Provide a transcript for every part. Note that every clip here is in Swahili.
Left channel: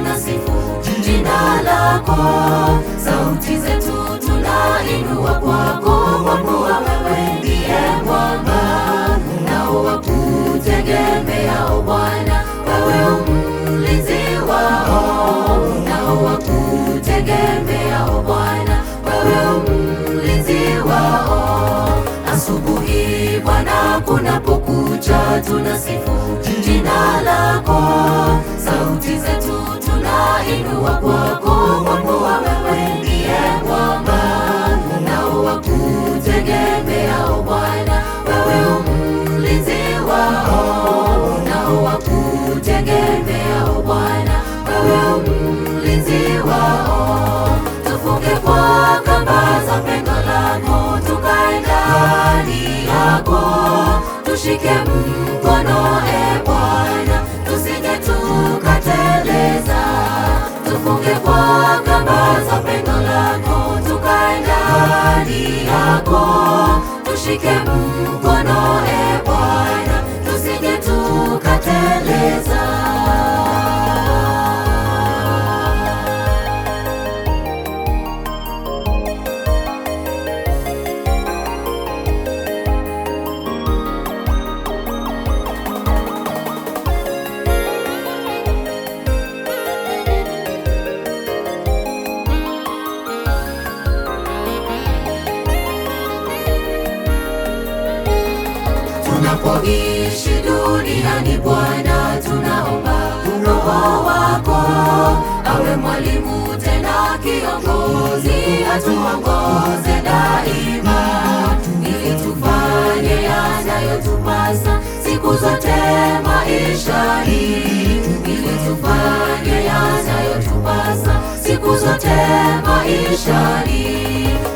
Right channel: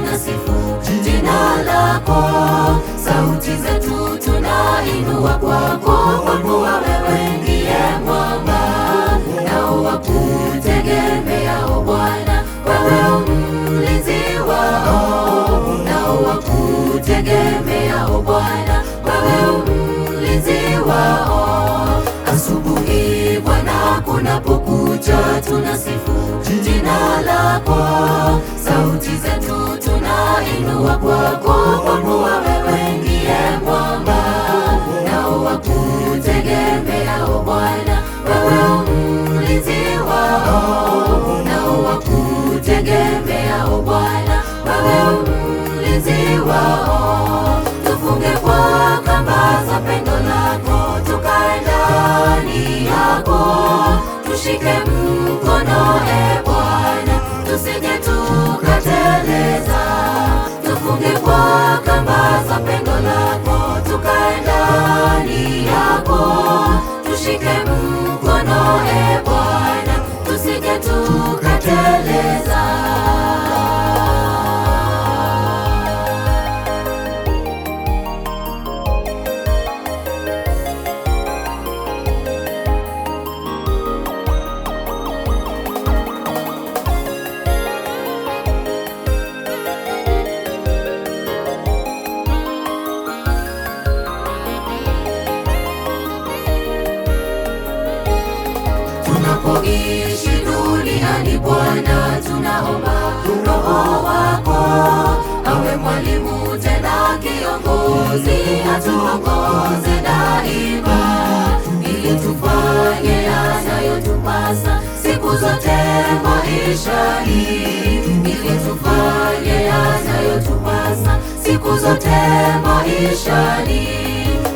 tunasifu jina lako, sauti zetu tunainua kwako, kwa kuwa wewe ndiye mwamba nao wakutegemeao Bwana. Wewe mlinzi wao nao wakutegemeao Bwana, wewe mlinzi wao. Asubuhi Bwana kunapokucha, tunasifu jina lako, sauti zetu tunainua kwako, kwa kuwa wewe ndiye mwamba nao wakutegemeao Bwana. Wewe mlinzi wao nao wakutegemeao Bwana, wewe mlinzi wao. Tufunge kwa kamba za pendo lako, tukae ndani yako, tushike mkono e Bwana, tusije tukateleza. Tufunge kwa kamba za pendo lako, tukae ndani yako, tushike mkono e Bwana, tusije tukateleza. Tunapoishi duniani Bwana, tunaomba Roho wako awe mwalimu tena kiongozi, atuongoze daima, ili tufanye yanayotupasa siku zote maishani, ili tufanye yanayotupasa siku zote maishani.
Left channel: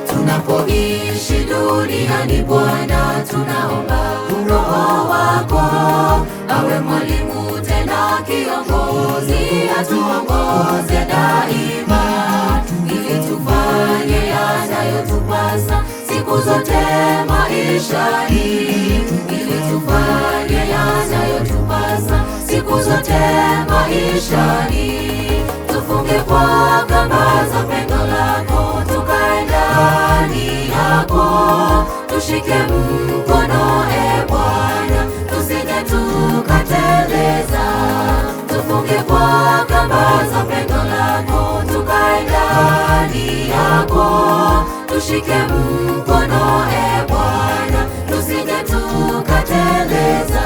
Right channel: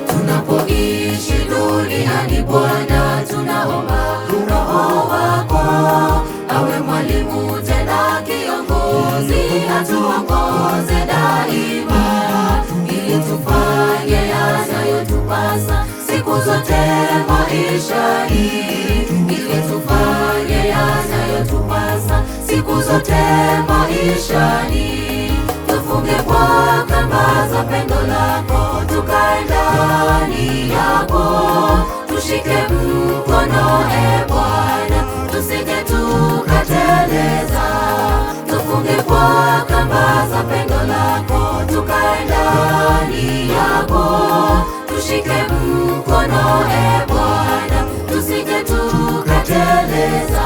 Tunapoishi duniani Bwana, tunaomba Roho wako awe mwalimu tena kiongozi, atuongoze daima, ili tufanye yanayotupasa siku zote maishani, ili tufanye yanayotupasa siku zote maishani. Tufunge kwa kamba za pendo lako, tukae ndani yako, tushike mkono e Bwana, tusije tukateleza. Tufunge kwa kamba za pendo lako, tukae ndani yako, tushike mkono e Bwana, tusije tukateleza.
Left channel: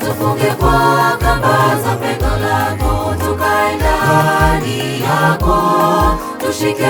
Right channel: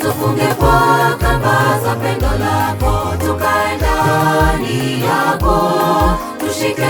Tufunge kwa kamba za pendo lako, tukae ndani yako, tushike